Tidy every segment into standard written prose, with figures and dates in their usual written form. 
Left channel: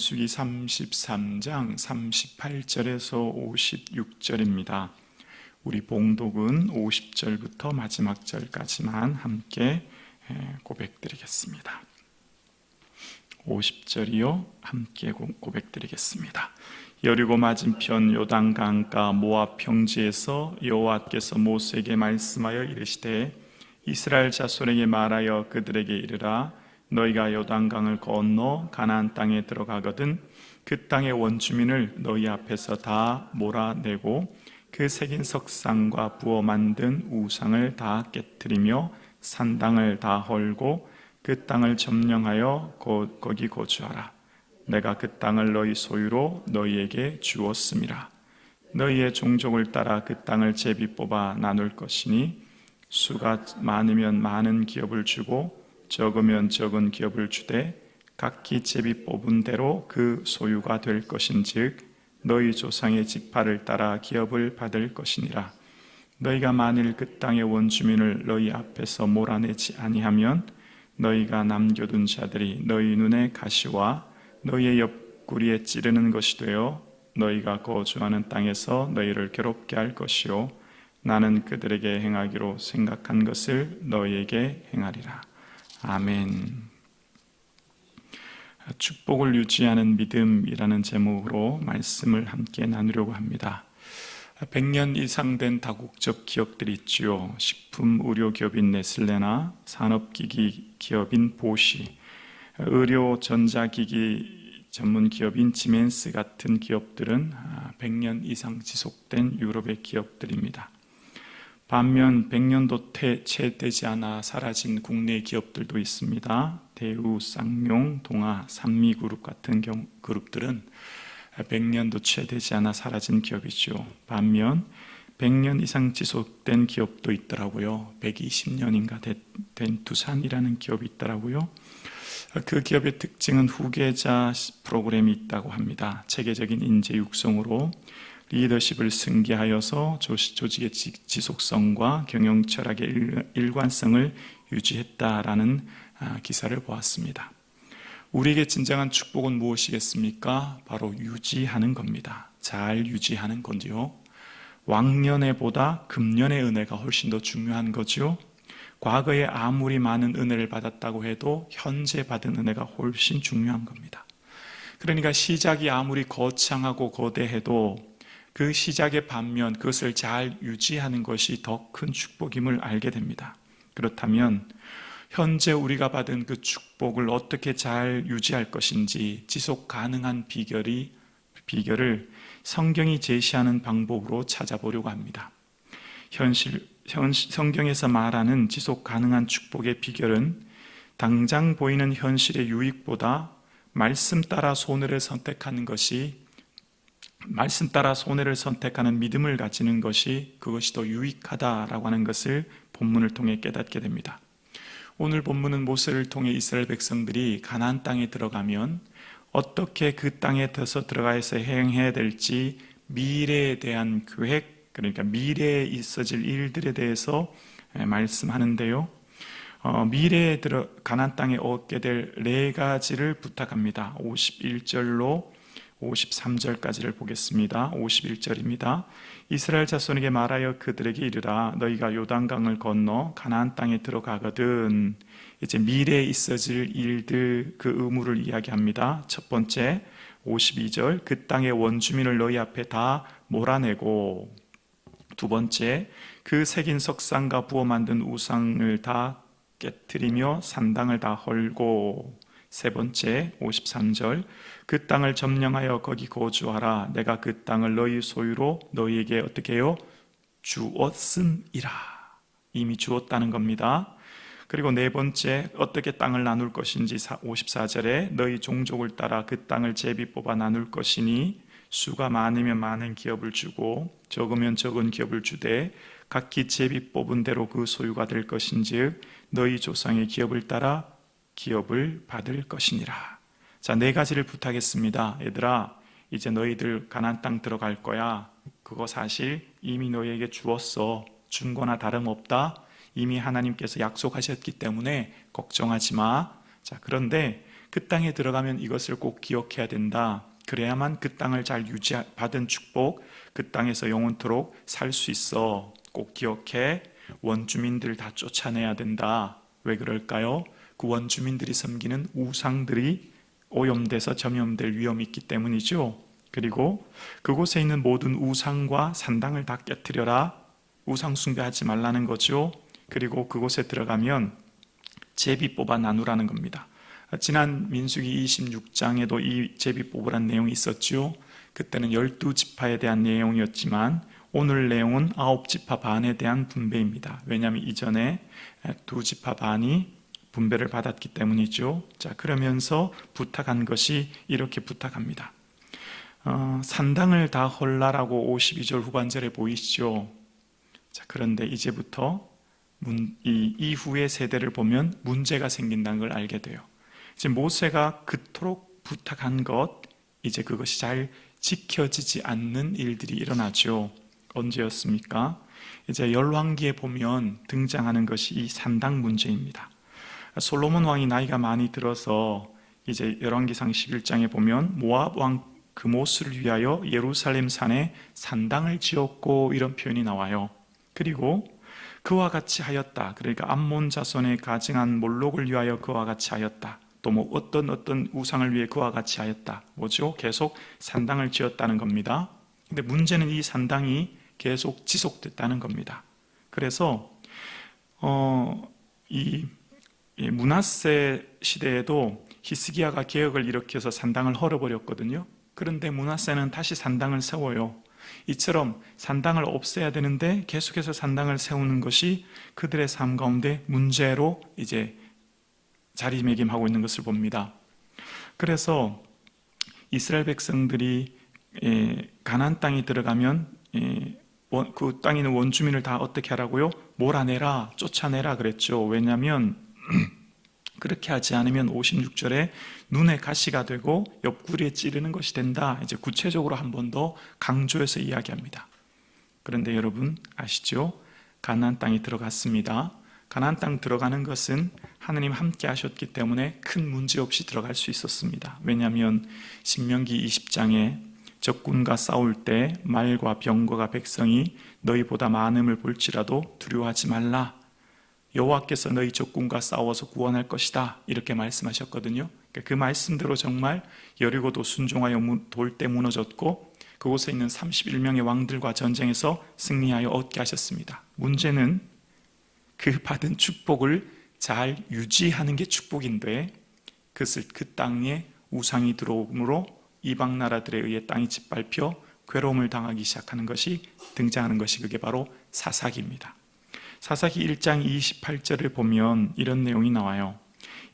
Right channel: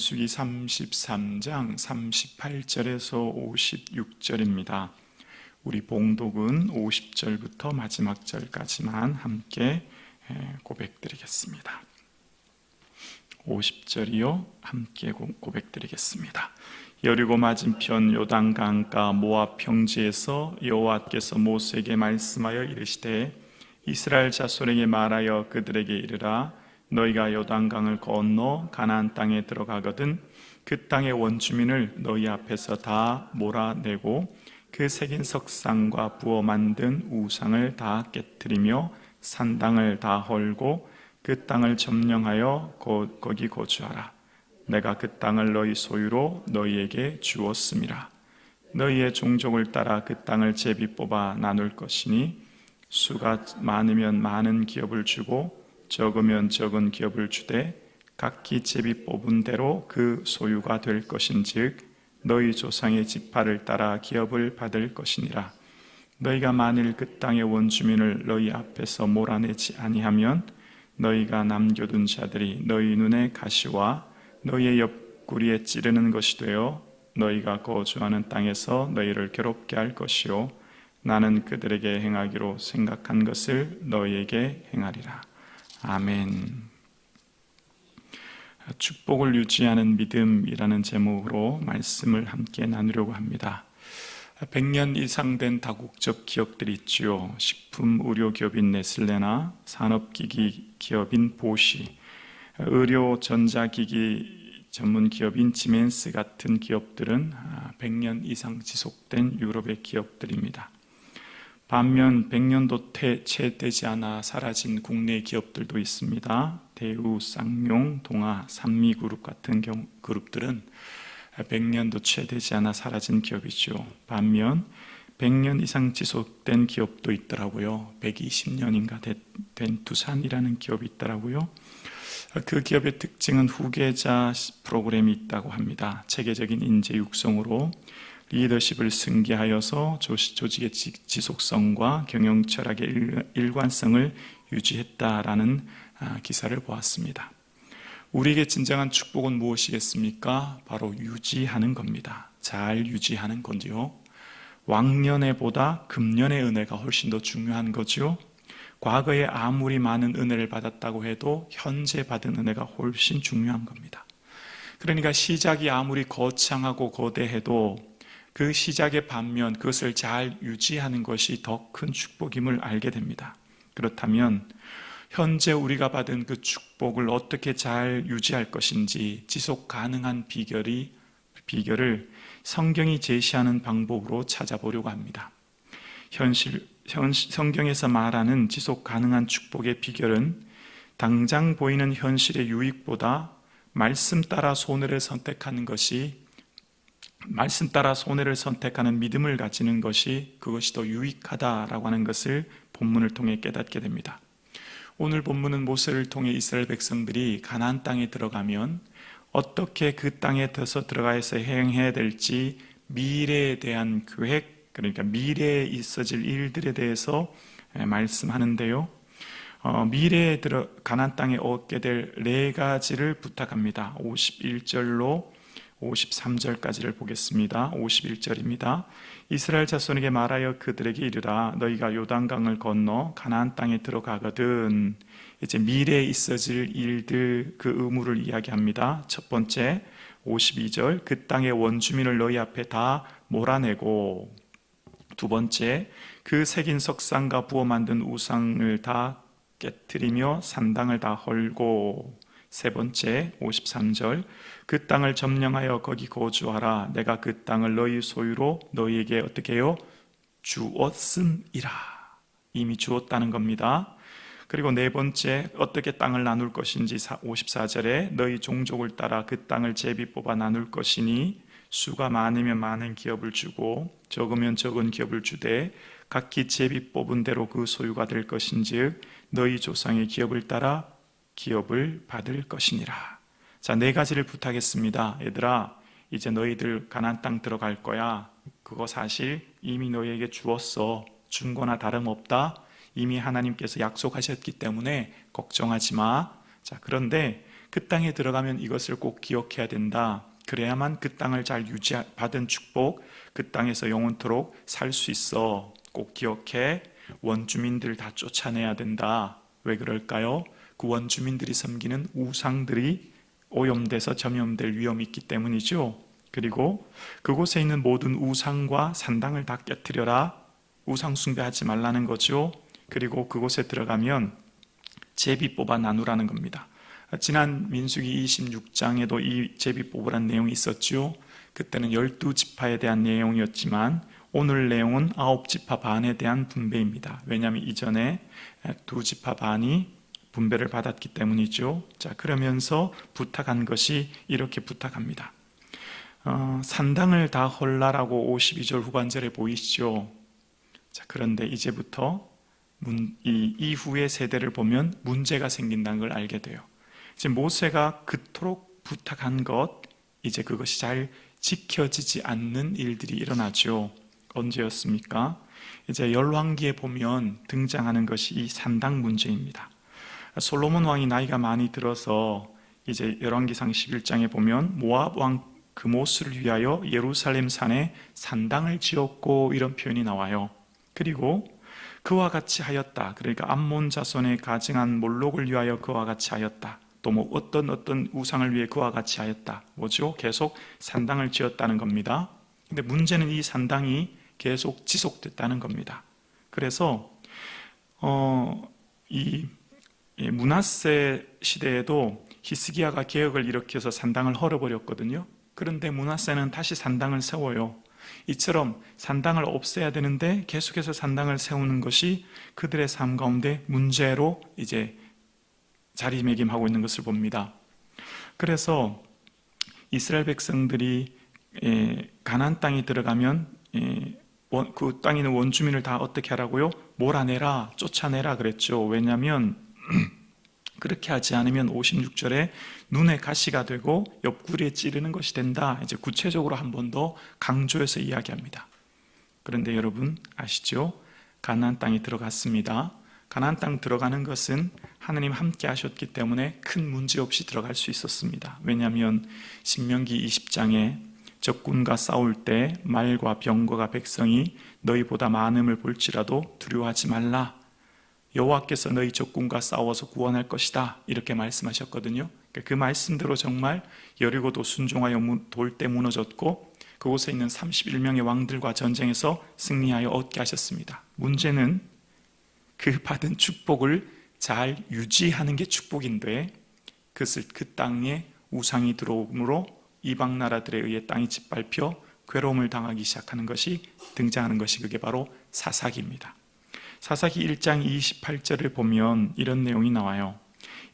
민수기 33장 38절에서 56절입니다. 우리 봉독은 50절부터 마지막 절까지만 함께 고백드리겠습니다. 50절이요. 함께 고백드리겠습니다. 여리고 맞은편 요단강가 모압 평지에서 여호와께서 모세에게 말씀하여 이르시되 이스라엘 자손에게 말하여 그들에게 이르라. 너희가 요단강을 건너 가나안 땅에 들어가거든 그 땅의 원주민을 너희 앞에서 다 몰아내고 그 새긴 석상과 부어 만든 우상을 다 깨뜨리며 산당을 다 헐고 그 땅을 점령하여 거기 거주하라. 내가 그 땅을 너희 소유로 너희에게 주었음이라. 너희의 종족을 따라 그 땅을 제비 뽑아 나눌 것이니 수가 많으면 많은 기업을 주고 적으면 적은 기업을 주되 각기 제비 뽑은 대로 그 소유가 될 것인즉 너희 조상의 지파를 따라 기업을 받을 것이니라. 너희가 만일 그 땅의 원주민을 너희 앞에서 몰아내지 아니하면 너희가 남겨둔 자들이 너희 눈에 가시와 너희의 옆구리에 찌르는 것이 되어 너희가 거주하는 땅에서 너희를 괴롭게 할 것이요 나는 그들에게 행하기로 생각한 것을 너희에게 행하리라. 아멘. 축복을 유지하는 믿음이라는 제목으로 말씀을 함께 나누려고 합니다. 100년 이상 된 다국적 기업들이 있지요. 식품 의료 기업인 네슬레나 산업기기 기업인 보시, 의료 전자기기 전문 기업인 지멘스 같은 기업들은 100년 이상 지속된 유럽의 기업들입니다. 반면 100년도 채 되지 않아 사라진 국내 기업들도 있습니다. 대우, 쌍용, 동아, 산미그룹 같은 그룹들은 100년도 채 되지 않아 사라진 기업이죠. 반면 100년 이상 지속된 기업도 있더라고요. 120년인가 된 두산이라는 기업이 있더라고요. 그 기업의 특징은 후계자 프로그램이 있다고 합니다. 체계적인 인재 육성으로 리더십을 승계하여서 조직의 지속성과 경영 철학의 일관성을 유지했다라는 기사를 보았습니다. 우리에게 진정한 축복은 무엇이겠습니까? 바로 유지하는 겁니다. 잘 유지하는 건지요. 왕년에보다 금년의 은혜가 훨씬 더 중요한 거죠. 과거에 아무리 많은 은혜를 받았다고 해도 현재 받은 은혜가 훨씬 중요한 겁니다. 그러니까 시작이 아무리 거창하고 거대해도 그 시작의 반면 그것을 잘 유지하는 것이 더 큰 축복임을 알게 됩니다. 그렇다면 현재 우리가 받은 그 축복을 어떻게 잘 유지할 것인지 지속 가능한 비결을 성경이 제시하는 방법으로 찾아보려고 합니다. 성경에서 말하는 지속 가능한 축복의 비결은 당장 보이는 현실의 유익보다 말씀 따라 손해를 선택하는 믿음을 가지는 그것이 더 유익하다라고 하는 것을 본문을 통해 깨닫게 됩니다. 오늘 본문은 모세를 통해 이스라엘 백성들이 가나안 땅에 들어가면 어떻게 그 땅에 들어가서 행해야 될지 미래에 대한 계획, 그러니까 미래에 있어질 일들에 대해서 말씀하는데요. 미래에 가나안 땅에 얻게 될 4가지를 부탁합니다. 51절로 53절까지를 보겠습니다. 51절입니다. 이스라엘 자손에게 말하여 그들에게 이르라. 너희가 요단강을 건너 가나안 땅에 들어가거든. 이제 미래에 있어질 일들 그 의무를 이야기합니다. 첫 번째 52절 그 땅의 원주민을 너희 앞에 다 몰아내고, 두 번째 그 새긴 석상과 부어 만든 우상을 다 깨뜨리며 산당을 다 헐고, 세 번째 53절 그 땅을 점령하여 거기 거주하라. 내가 그 땅을 너희 소유로 너희에게 어떻게 해요? 주었음이라. 이미 주었다는 겁니다. 그리고 네 번째 어떻게 땅을 나눌 것인지 54절에 너희 종족을 따라 그 땅을 제비 뽑아 나눌 것이니 수가 많으면 많은 기업을 주고 적으면 적은 기업을 주되 각기 제비 뽑은 대로 그 소유가 될 것인즉 너희 조상의 기업을 따라 기업을 받을 것이니라. 자, 4가지를 부탁했습니다. 얘들아, 이제 너희들 가나안 땅 들어갈 거야. 그거 사실 이미 너희에게 주었어. 준 거나 다름없다. 이미 하나님께서 약속하셨기 때문에 걱정하지 마. 자, 그런데 그 땅에 들어가면 이것을 꼭 기억해야 된다. 그래야만 그 땅을 잘 받은 축복, 그 땅에서 영원토록 살 수 있어. 꼭 기억해. 원주민들 다 쫓아내야 된다. 왜 그럴까요? 그 원주민들이 섬기는 우상들이 오염돼서 점염될 위험이 있기 때문이죠. 그리고 그곳에 있는 모든 우상과 산당을 다 깨트려라. 우상 숭배하지 말라는 거죠. 그리고 그곳에 들어가면 제비 뽑아 나누라는 겁니다. 지난 민수기 26장에도 이 제비 뽑으란 내용이 있었죠. 그때는 12지파에 대한 내용이었지만 오늘 내용은 9지파 반에 대한 분배입니다. 왜냐하면 이전에 2지파 반이 분배를 받았기 때문이죠. 자, 그러면서 부탁한 것이 이렇게 부탁합니다. 산당을 다 헐라라고 52절 후반절에 보이시죠. 자, 그런데 이제부터 이 이후의 세대를 보면 문제가 생긴다는 걸 알게 돼요. 이제 모세가 그토록 부탁한 것, 이제 그것이 잘 지켜지지 않는 일들이 일어나죠. 언제였습니까? 이제 열왕기에 보면 등장하는 것이 이 산당 문제입니다. 솔로몬 왕이 나이가 많이 들어서 이제 열왕기상 11장에 보면 모압 왕 그모스를 위하여 예루살렘 산에 산당을 지었고 이런 표현이 나와요. 그리고 그와 같이 하였다. 그러니까 암몬 자손의 가증한 몰록을 위하여 그와 같이 하였다. 또 뭐 어떤 우상을 위해 그와 같이 하였다. 뭐죠? 계속 산당을 지었다는 겁니다. 근데 문제는 이 산당이 계속 지속됐다는 겁니다. 그래서 이 므낫세 시대에도 히스기야가 개혁을 일으켜서 산당을 헐어버렸거든요. 그런데 므낫세는 다시 산당을 세워요. 이처럼 산당을 없애야 되는데 계속해서 산당을 세우는 것이 그들의 삶 가운데 문제로 이제 자리매김하고 있는 것을 봅니다. 그래서 이스라엘 백성들이 가나안 땅에 들어가면 그 땅에 있는 원주민을 다 어떻게 하라고요? 몰아내라, 쫓아내라 그랬죠. 왜냐하면 그렇게 하지 않으면 56절에 눈에 가시가 되고 옆구리에 찌르는 것이 된다. 이제 구체적으로 한 번 더 강조해서 이야기합니다. 그런데 여러분 아시죠? 가나안 땅에 들어갔습니다. 가나안 땅 들어가는 것은 하나님 함께 하셨기 때문에 큰 문제 없이 들어갈 수 있었습니다. 왜냐하면 신명기 20장에 적군과 싸울 때 말과 병거가 백성이 너희보다 많음을 볼지라도 두려워하지 말라. 여호와께서 너희 적군과 싸워서 구원할 것이다. 이렇게 말씀하셨거든요. 그 말씀대로 정말 여리고도 순종하여 돌 때 무너졌고 그곳에 있는 31명의 왕들과 전쟁에서 승리하여 얻게 하셨습니다. 문제는 그 받은 축복을 잘 유지하는 게 축복인데 그것을 그 땅에 우상이 들어오므로 이방 나라들에 의해 땅이 짓밟혀 괴로움을 당하기 시작하는 것이 등장하는 것이 그게 바로 사사기입니다. 사사기 1장 28절을 보면 이런 내용이 나와요.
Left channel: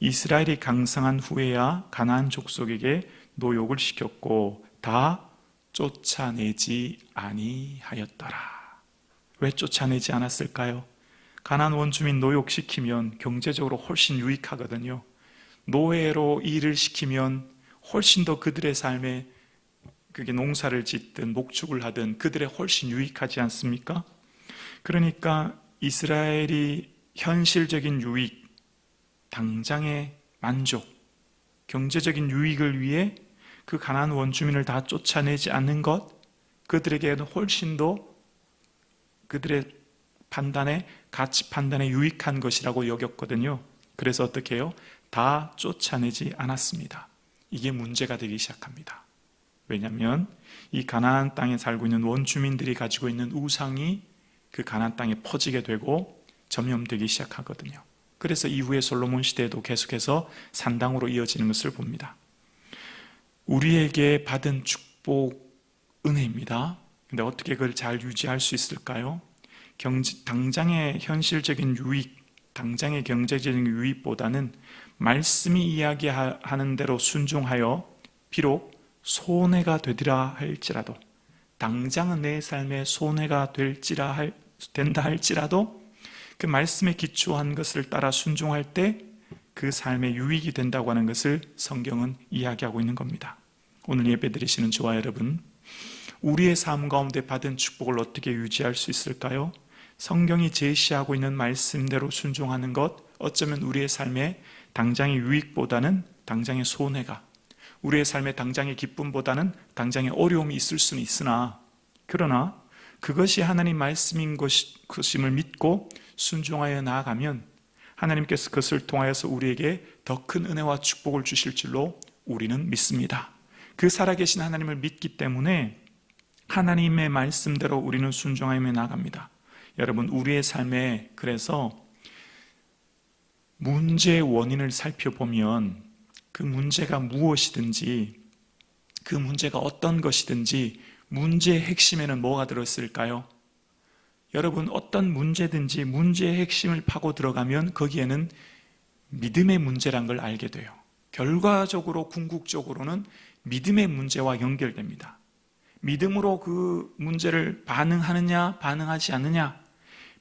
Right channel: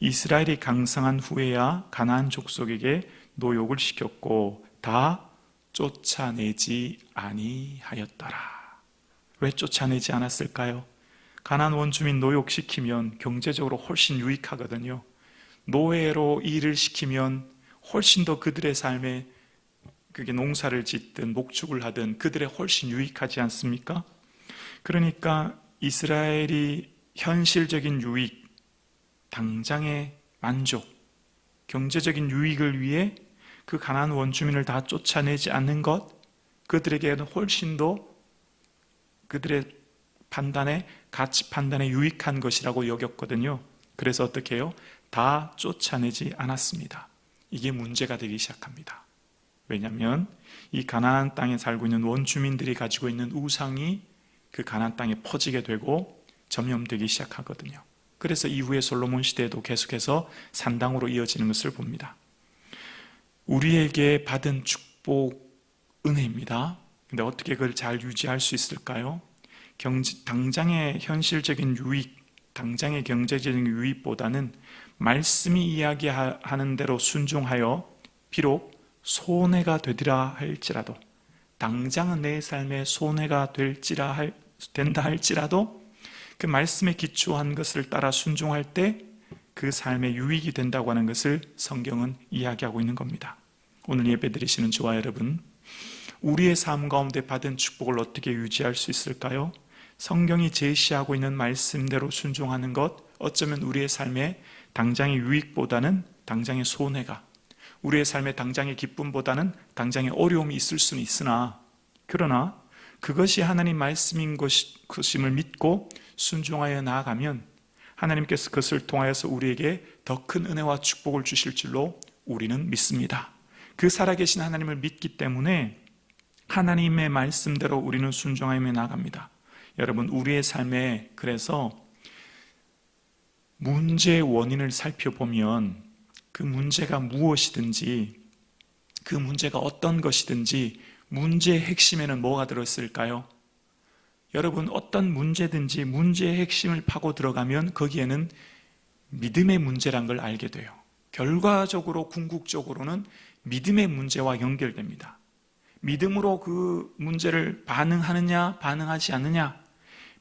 이스라엘이 강성한 후에야 가나안 족속에게 노역을 시켰고 다 쫓아내지 아니하였더라. 왜 쫓아내지 않았을까요? 가나안 원주민 노역시키면 경제적으로 훨씬 유익하거든요. 노예로 일을 시키면 훨씬 더 그들의 삶에 그게 농사를 짓든 목축을 하든 그들의 훨씬 유익하지 않습니까? 그러니까 이스라엘이 현실적인 유익, 당장의 만족, 경제적인 유익을 위해 그 가나안 원주민을 다 쫓아내지 않는 것, 그들에게는 훨씬 더 그들의 판단에, 가치 판단에 유익한 것이라고 여겼거든요. 그래서 어떻게 해요? 다 쫓아내지 않았습니다. 이게 문제가 되기 시작합니다. 왜냐하면 이 가나안 땅에 살고 있는 원주민들이 가지고 있는 우상이 그 가나안 땅에 퍼지게 되고 점염되기 시작하거든요. 그래서 이후에 솔로몬 시대에도 계속해서 산당으로 이어지는 것을 봅니다. 우리에게 받은 축복, 은혜입니다. 근데 어떻게 그걸 잘 유지할 수 있을까요? 당장의 현실적인 유익, 당장의 경제적인 유익보다는 말씀이 이야기하는 대로 순종하여 비록 손해가 되리라 할지라도, 당장은 내 삶에 손해가 된다 할지라도 그 말씀에 기초한 것을 따라 순종할 때 그 삶에 유익이 된다고 하는 것을 성경은 이야기하고 있는 겁니다. 오늘 예배드리시는 저와 여러분, 우리의 삶 가운데 받은 축복을 어떻게 유지할 수 있을까요? 성경이 제시하고 있는 말씀대로 순종하는 것, 어쩌면 우리의 삶에 당장의 유익보다는 당장의 손해가, 우리의 삶에 당장의 기쁨보다는 당장의 어려움이 있을 수는 있으나, 그러나 그것이 하나님 말씀인 것임을 믿고 순종하여 나아가면 하나님께서 그것을 통하여서 우리에게 더 큰 은혜와 축복을 주실 줄로 우리는 믿습니다. 그 살아계신 하나님을 믿기 때문에 하나님의 말씀대로 우리는 순종하여 나아갑니다. 여러분, 우리의 삶에 그래서 문제의 원인을 살펴보면 그 문제가 무엇이든지, 그 문제가 어떤 것이든지 문제의 핵심에는 뭐가 들어있을까요? 여러분, 어떤 문제든지 문제의 핵심을 파고 들어가면 거기에는 믿음의 문제란 걸 알게 돼요. 결과적으로 궁극적으로는 믿음의 문제와 연결됩니다. 믿음으로 그 문제를 반응하느냐 반응하지 않느냐,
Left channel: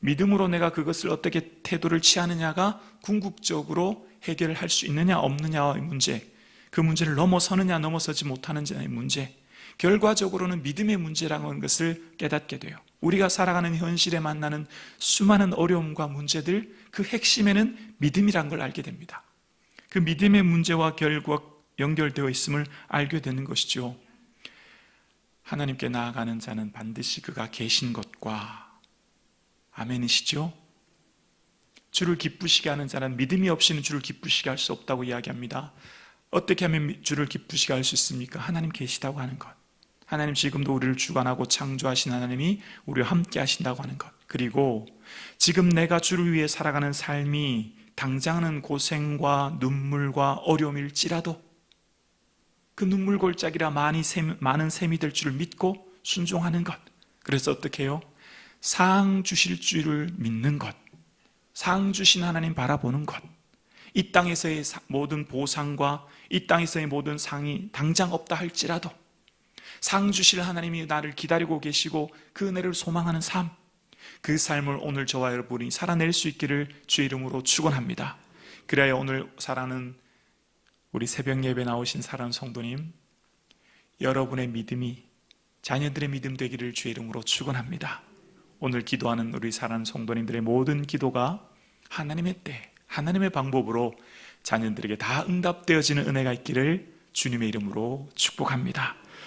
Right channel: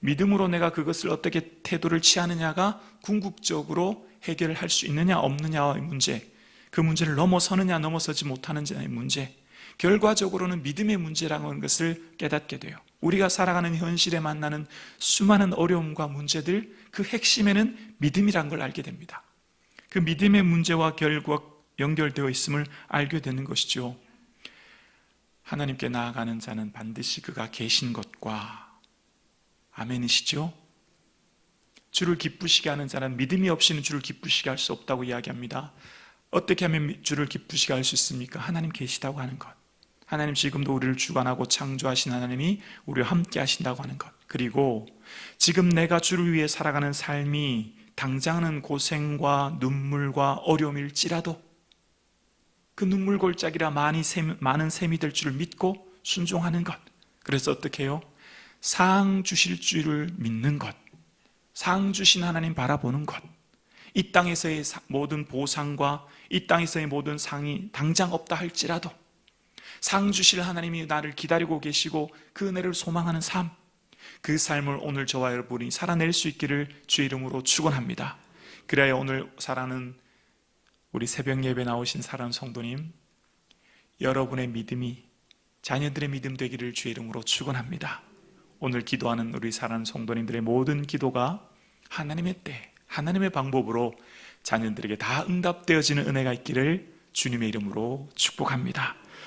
믿음으로 내가 그것을 어떻게 태도를 취하느냐가 궁극적으로 해결을 할 수 있느냐 없느냐의 문제, 그 문제를 넘어서느냐 넘어서지 못하느냐의 문제, 결과적으로는 믿음의 문제라는 것을 깨닫게 돼요. 우리가 살아가는 현실에 만나는 수많은 어려움과 문제들, 그 핵심에는 믿음이란 걸 알게 됩니다. 그 믿음의 문제와 결과 연결되어 있음을 알게 되는 것이죠. 하나님께 나아가는 자는 반드시 그가 계신 것과, 아멘이시죠? 주를 기쁘시게 하는 자는 믿음이 없이는 주를 기쁘시게 할 수 없다고 이야기합니다. 어떻게 하면 주를 기쁘시게 할 수 있습니까? 하나님 계시다고 하는 것, 하나님 지금도 우리를 주관하고 창조하신 하나님이 우리와 함께 하신다고 하는 것, 그리고 지금 내가 주를 위해 살아가는 삶이 당장은 고생과 눈물과 어려움일지라도 그 눈물 골짜기라 많은 셈이 될 줄을 믿고 순종하는 것. 그래서 어떻게 해요? 상 주실 줄을 믿는 것, 상 주신 하나님 바라보는 것, 이 땅에서의 모든 보상과 이 땅에서의 모든 상이 당장 없다 할지라도 상 주실 하나님이 나를 기다리고 계시고 그 은혜를 소망하는 삶, 그 삶을 오늘 저와 여러분이 살아낼 수 있기를 주의 이름으로 축원합니다. 그래야 오늘 살아가는 우리 새벽 예배 나오신 사랑하는 성도님, 여러분의 믿음이 자녀들의 믿음 되기를 주의 이름으로 축원합니다. 오늘 기도하는 우리 사랑하는 성도님들의 모든 기도가 하나님의 때, 하나님의 방법으로 자녀들에게 다 응답되어지는 은혜가 있기를 주님의 이름으로 축복합니다.